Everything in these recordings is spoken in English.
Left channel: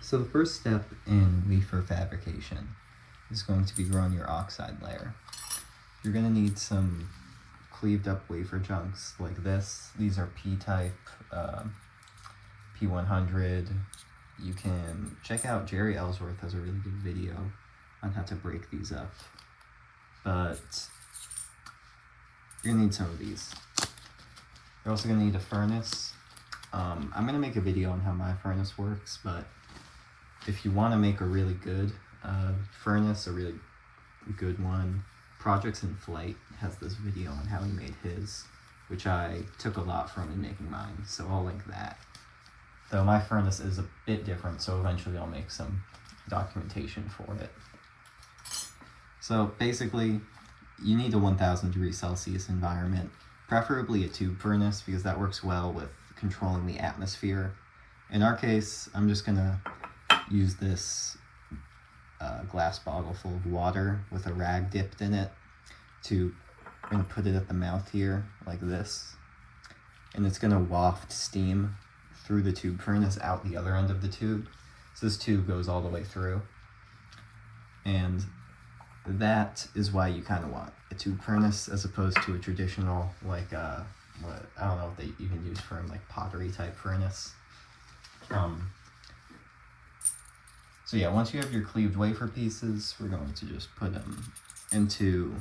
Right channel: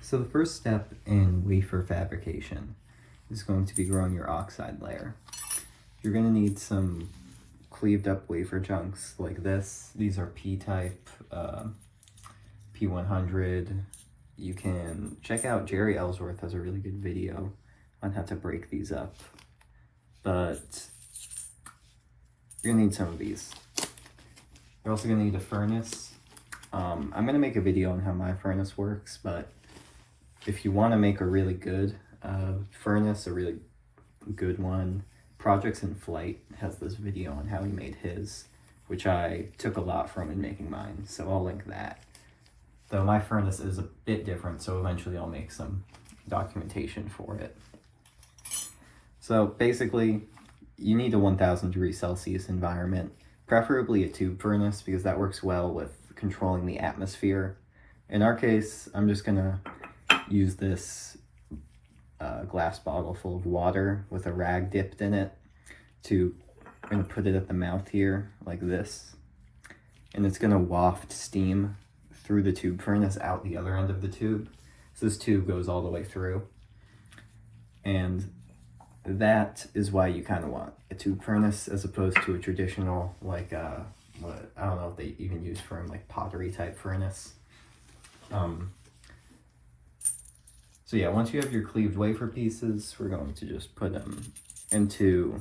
So the first step in wafer fabrication is going to be growing your oxide layer. You're going to need some cleaved up wafer chunks like this. These are P-type, P100. You can check out Jerri Ellsworth has a really good video on how to break these up. But you're gonna need some of these. You're also gonna need a furnace. I'm gonna make a video on how my furnace works, but if you wanna make a really good furnace, a really good one, ProjectsInFlight has this video on how he made his, which I took a lot from in making mine, so I'll link that. Though my furnace is a bit different, so eventually I'll make some documentation for it. So basically, you need a 1000 degrees Celsius environment, preferably a tube furnace because that works well with controlling the atmosphere. In our case, I'm just gonna use this glass bottle full of water with a rag dipped in it and put it at the mouth here like this. And it's gonna waft steam through the tube furnace out the other end of the tube. So this tube goes all the way through. And that is why you kind of want a tube furnace as opposed to a traditional, like, what, I don't know if they even use for like pottery type furnace. So yeah, once you have your cleaved wafer pieces, we're going to just put them into,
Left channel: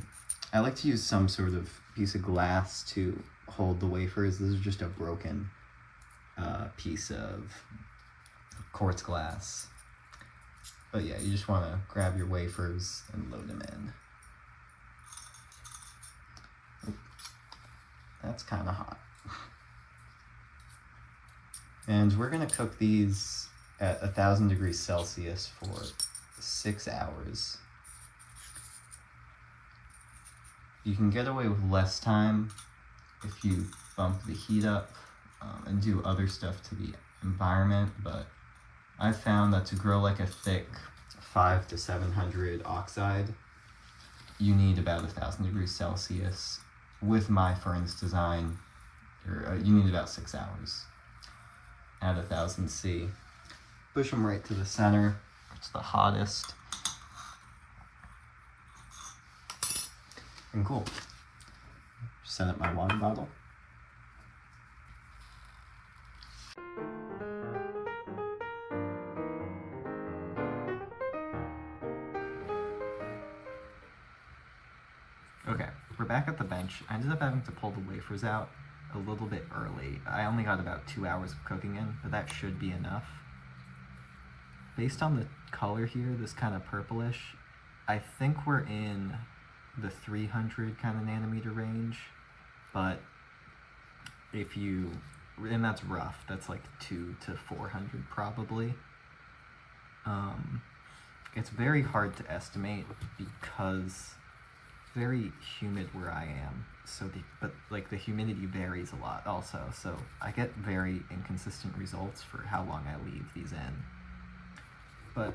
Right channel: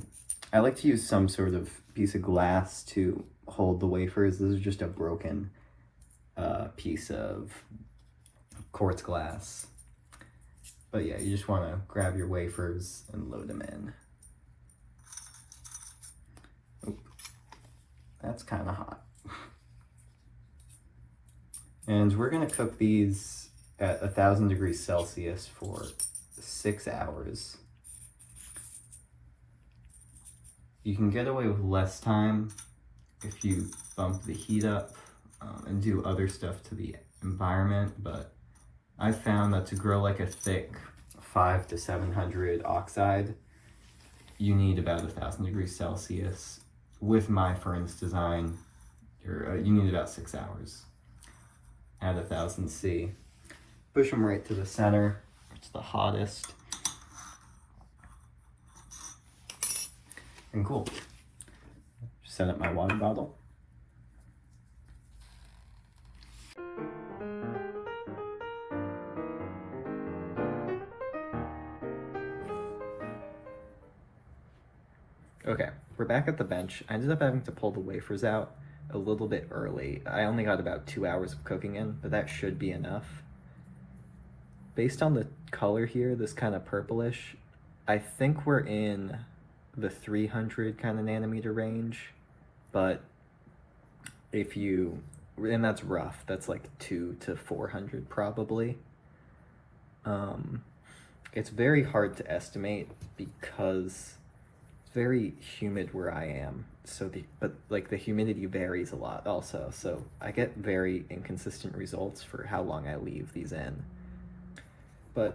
I like to use some sort of piece of glass to hold the wafers. This is just a broken piece of quartz glass. But yeah, you just want to grab your wafers and load them in. Oh, that's kind of hot. And we're going to cook these at 1000 degrees Celsius for 6 hours. You can get away with less time if you bump the heat up and do other stuff to the environment, but I found that to grow like a thick 500 to 700 oxide, you need about 1000 degrees Celsius. With my furnace design, you need about 6 hours at 1000 C. Push them right to the center. It's the hottest. And cool. Set up my water bottle. Okay, we're back at the bench. I ended up having to pull the wafers out a little bit early. I only got about 2 hours of cooking in, but that should be enough. Based on the color here, this kind of purplish, I think we're in the 300 kind of nanometer range, but if you, and that's rough, that's like 200 to 400 probably. It's very hard to estimate because it's very humid where I am, so but like the humidity varies a lot also, so I get very inconsistent results for how long I leave these in. But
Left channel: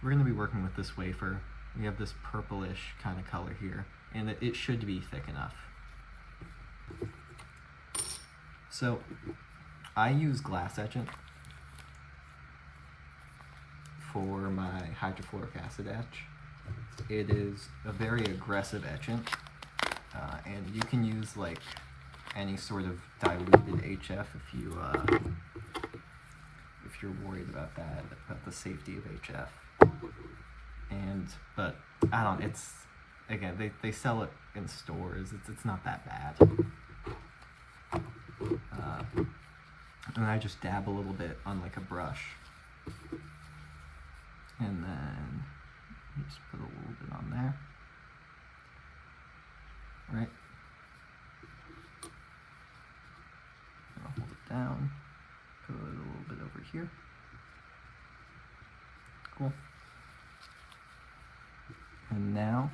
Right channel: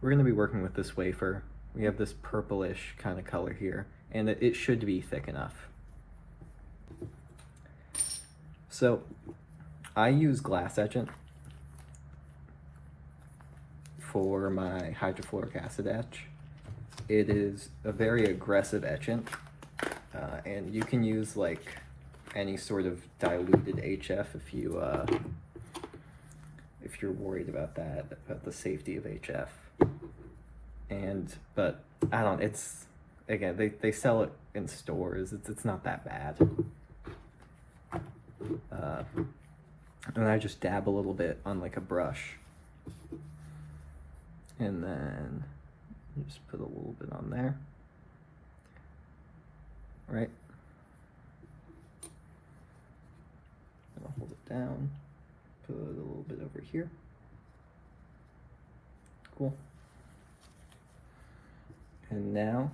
we're going to be working with this wafer. We have this purplish kind of color here, and it should be thick enough. So I use glass etchant for my hydrofluoric acid etch. It is a very aggressive etchant, and you can use like any sort of diluted HF if you're worried about that, about the safety of HF. But I don't, it's, again, they sell it in stores, it's not that bad. And I just dab a little bit on like a brush. And then just put a little bit on there. Right? I'm gonna hold it down. Put a little bit over here. Cool. And now,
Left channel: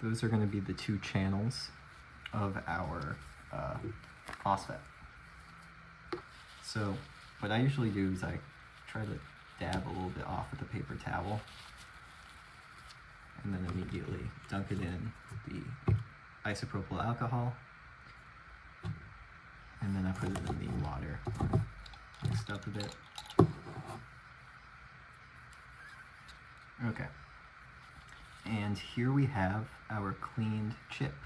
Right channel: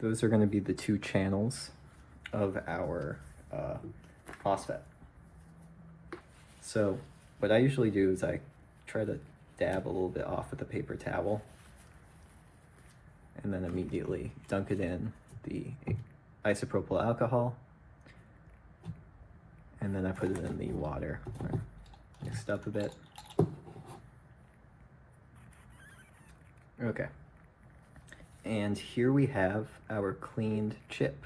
those are going to be the 2 channels of our MOSFET. So what I usually do is I try to dab a little bit off with a paper towel and then immediately dunk it in the isopropyl alcohol and then I put it in the water. Mixed up a bit. Okay. And here we have our cleaned chip.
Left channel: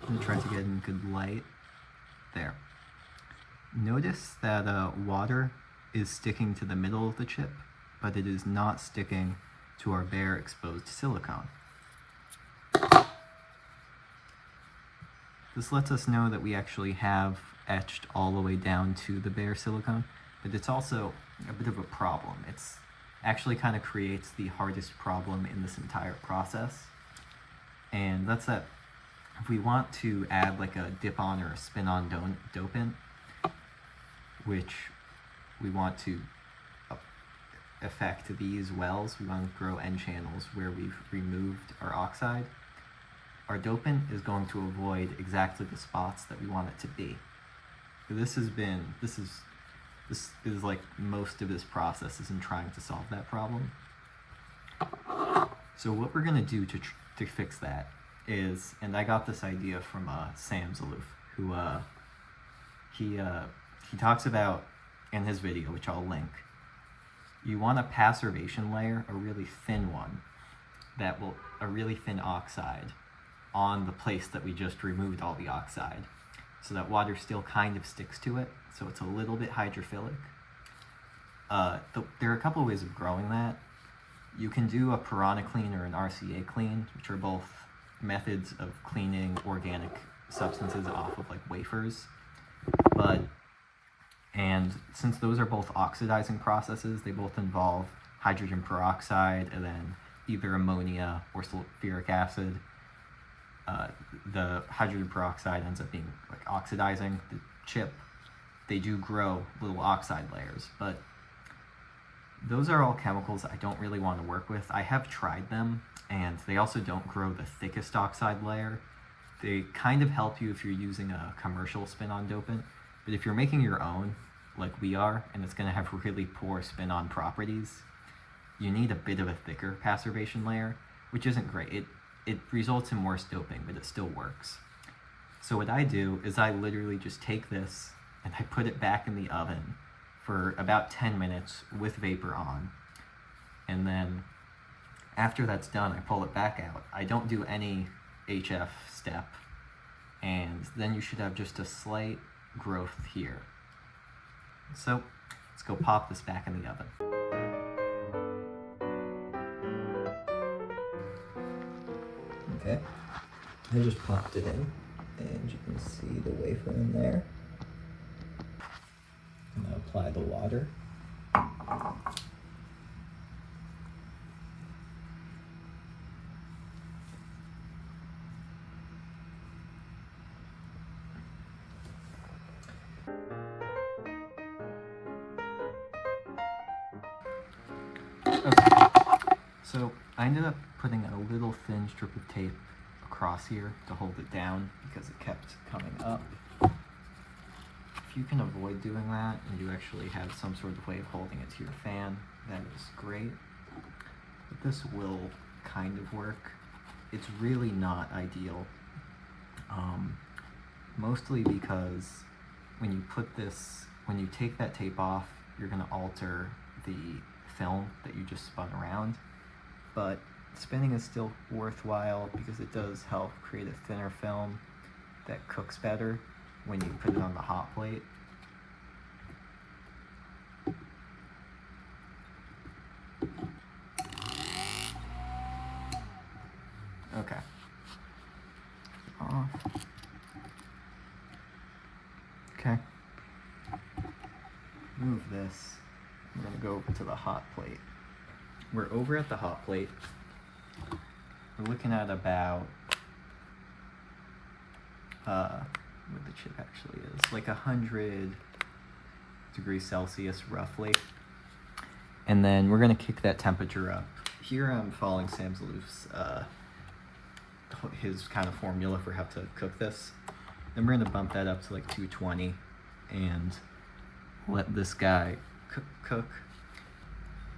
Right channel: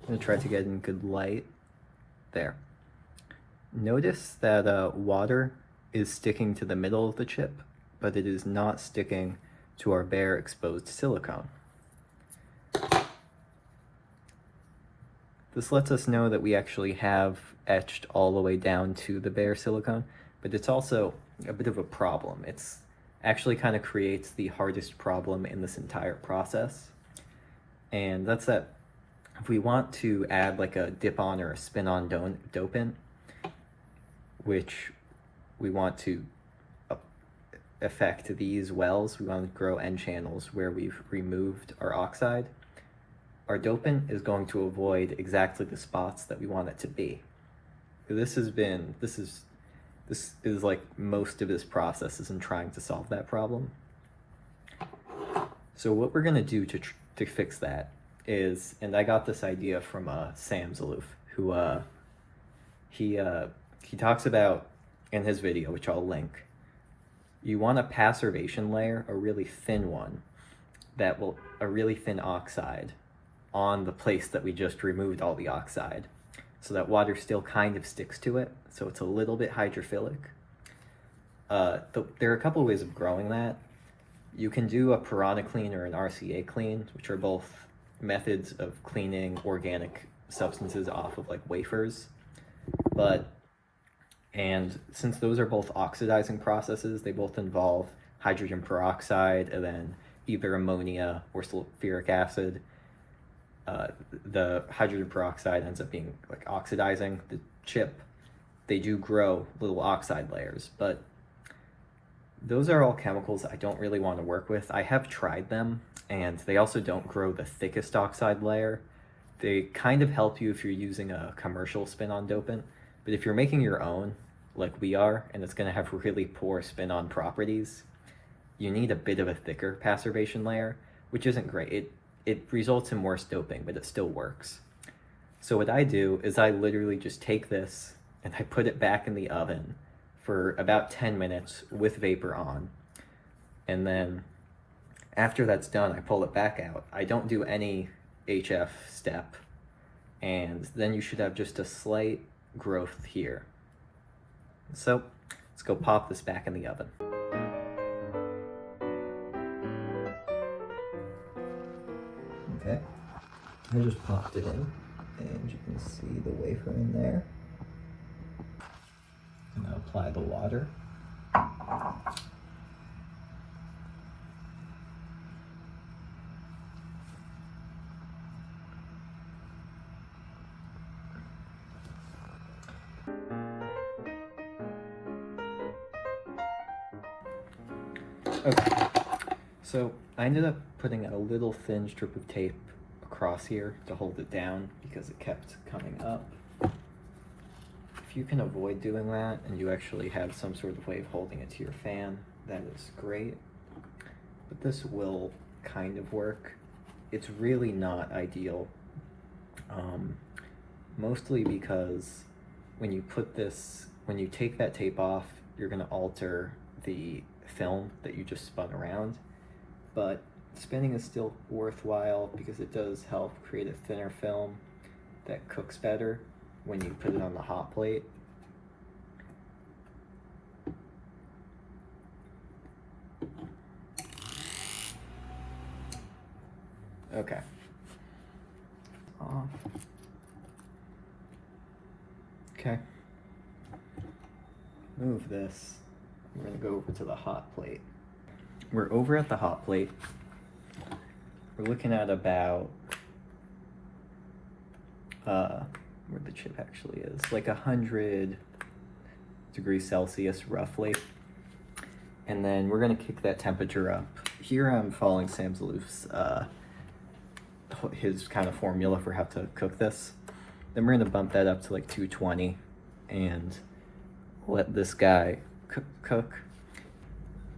I'm gonna try to get in good light. There. Notice that water is sticking to the middle of the chip, but it is not sticking to our bare exposed silicone. This lets us know that we actually have etched all the way down to the bare silicone, but it's also a bit of a problem. It's actually kind of creates the hardest problem in this entire process. And that's that if we want to add like a dip-on or a spin-on dopant, which we want to affect these wells, we want to grow N-channels where we've removed our oxide, our dopant is going to avoid exactly the spots that we want it to be. This is like most of this process is in trying to solve that problem. So what we're gonna do to fix that is, and I got this idea from Sam Zeloof, who he talks about in his video, which I'll link. You want a passivation layer, a really thin one, a really thin oxide on the place that we just removed all the oxide, so that water still kind of sticks to it, so it's a little bit hydrophilic. There are a couple of ways of growing that. You can do a piranha clean or an RCA clean, which are both methods of cleaning organic substances off of like wafers. And since those are both oxidizing processes, they both involve hydrogen peroxide and then either ammonia or sulfuric acid. The hydrogen peroxide ends up being like oxidizing the chip. They do grow little oxide layers, but those are all chemicals I don't really want to work with. I have tried them, and they also don't grow the thickest oxide layer. They kind of help you if you're using a commercial spin-on dopant, but if you're making your own, like we are, and it's going to have really poor spin-on properties, you need a bit of a thicker passivation layer, which isn't great. It results in worse doping, but it still works. So what I do is I literally just take this and I put it back in the oven for about 10 minutes with vapor on. And then after that's done, I pull it back out. I don't do any HF step. And then you should have just a slight growth here. So let's go pop this back in the oven. Okay, I just popped it in, and you can see the wafer in there. I'm gonna apply the water. Okay, so I ended up putting a little thin strip of tape across here to hold it down because it kept coming up. If you can avoid doing that and you actually have some sort of way of holding it to your fan, that is great. But this will kind of work. It's really not ideal, mostly because when you take that tape off, you're going to alter the film that you just spun around, but spinning is still worthwhile because it does help create a thinner film that cooks better when you put it on the hot plate. Okay. Okay. Move this. I'm gonna go over to the hot plate. We're over at the hot plate. We're looking at about where the chip actually is, like 100 degrees Celsius roughly. And then we're gonna kick that temperature up. Here I'm following Sam Zeloof's his kind of formula for how to cook this. Then we're gonna bump that up to like 220 and let this guy cook.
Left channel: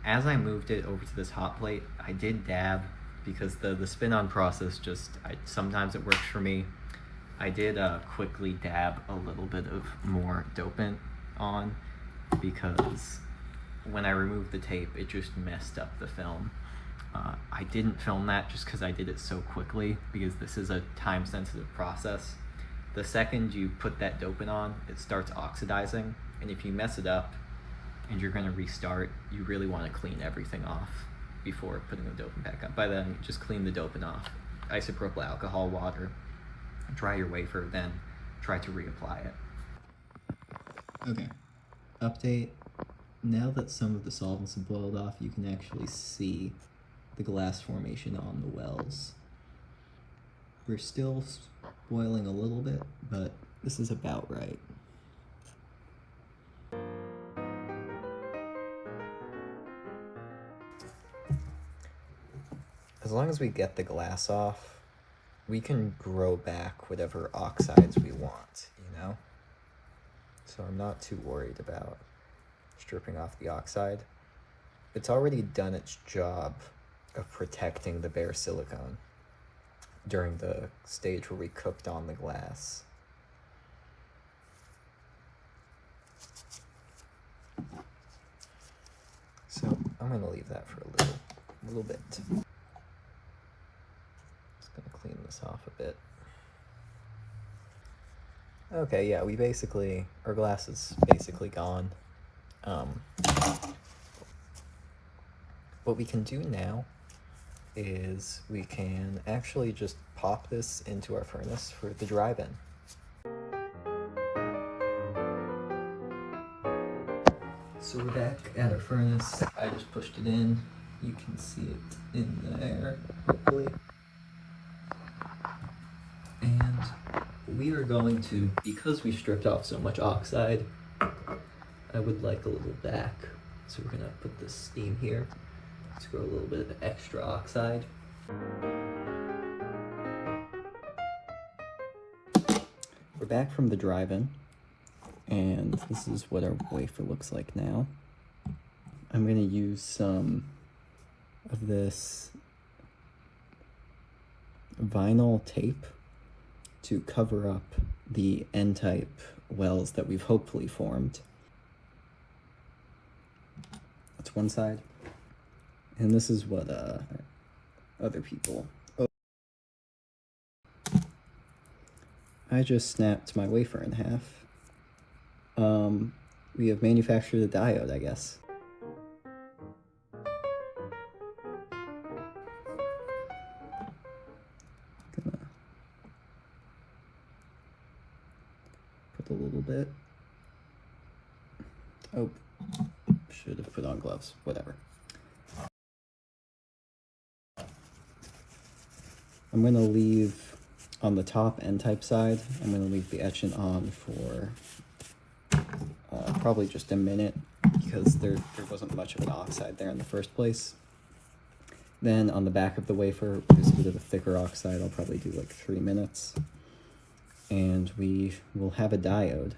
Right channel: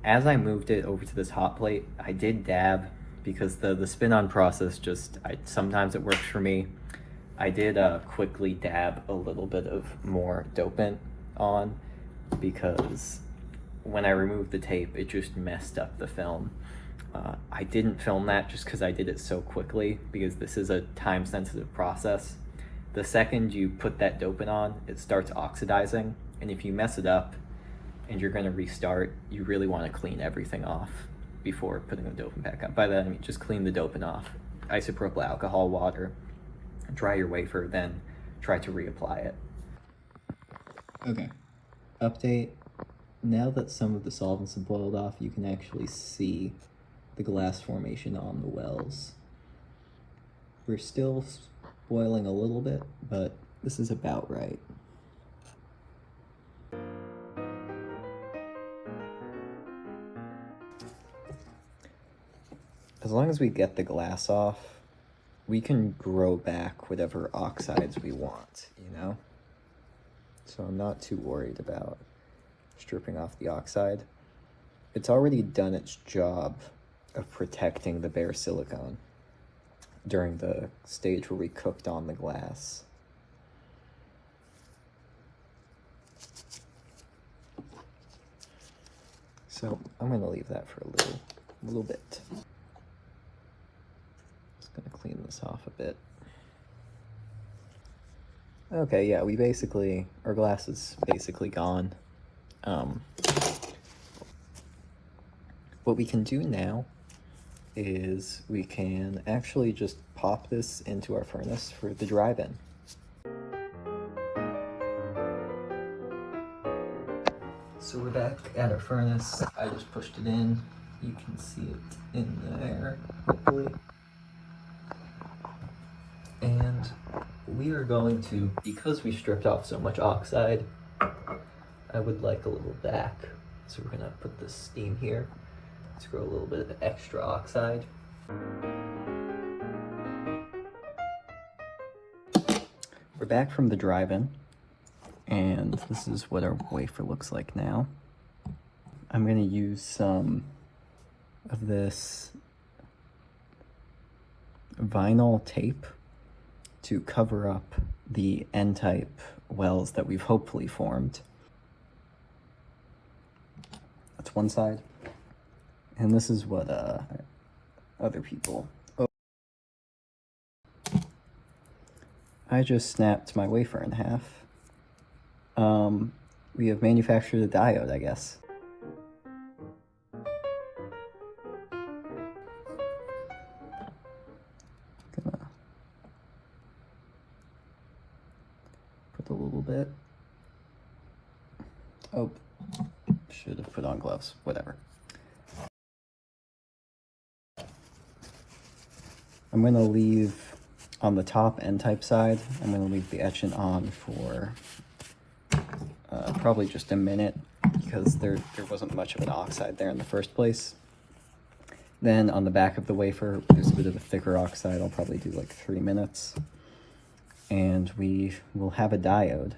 As I moved it over to this hot plate, I did dab because the spin-on process sometimes it works for me. I did quickly dab a little bit of more dopant on because when I removed the tape, it just messed up the film. I didn't film that just because I did it so quickly, because this is a time-sensitive process. The second you put that dopant on, it starts oxidizing, and if you mess it up and you're going to restart, you really want to clean everything off before putting the dopant back up. By then, just clean the dopant off. Isopropyl alcohol, water, dry your wafer, then try to reapply it. Okay, update. Now that some of the solvents have boiled off, you can actually see the glass formation on the wells. We're still boiling a little bit, but this is about right. As long as we get the glass off, we can grow back whatever oxides we want, you know? So I'm not too worried about stripping off the oxide. It's already done its job of protecting the bare silicon during the stage where we cooked on the glass. So I'm going to leave that for a little bit. Just going to clean this off a bit. Okay, yeah, our glass is basically gone. What we can do now is we can actually just pop this into our furnace for the drive-in. So we're back at our furnace. I just pushed it in. You can see it in there, hopefully. And we are going to, because we stripped off so much oxide, I would like a little back. So we're gonna put this steam here. Let's grow a little bit of extra oxide. We're back from the drive-in, and this is what our wafer looks like now. I'm gonna use some of this vinyl tape to cover up the N-type wells that we've hopefully formed. That's one side. And this is what other people... Oh. I just snapped my wafer in half. We have manufactured a diode, I guess. Gonna put a little bit. Oh, should have put on gloves, whatever. I'm going to leave on the top N-type side, I'm going to leave the etchant on for probably just a minute, because there wasn't much of an oxide there in the first place. Then on the back of the wafer, there's a bit of a thicker oxide. I'll probably do like 3 minutes. And we will have a diode.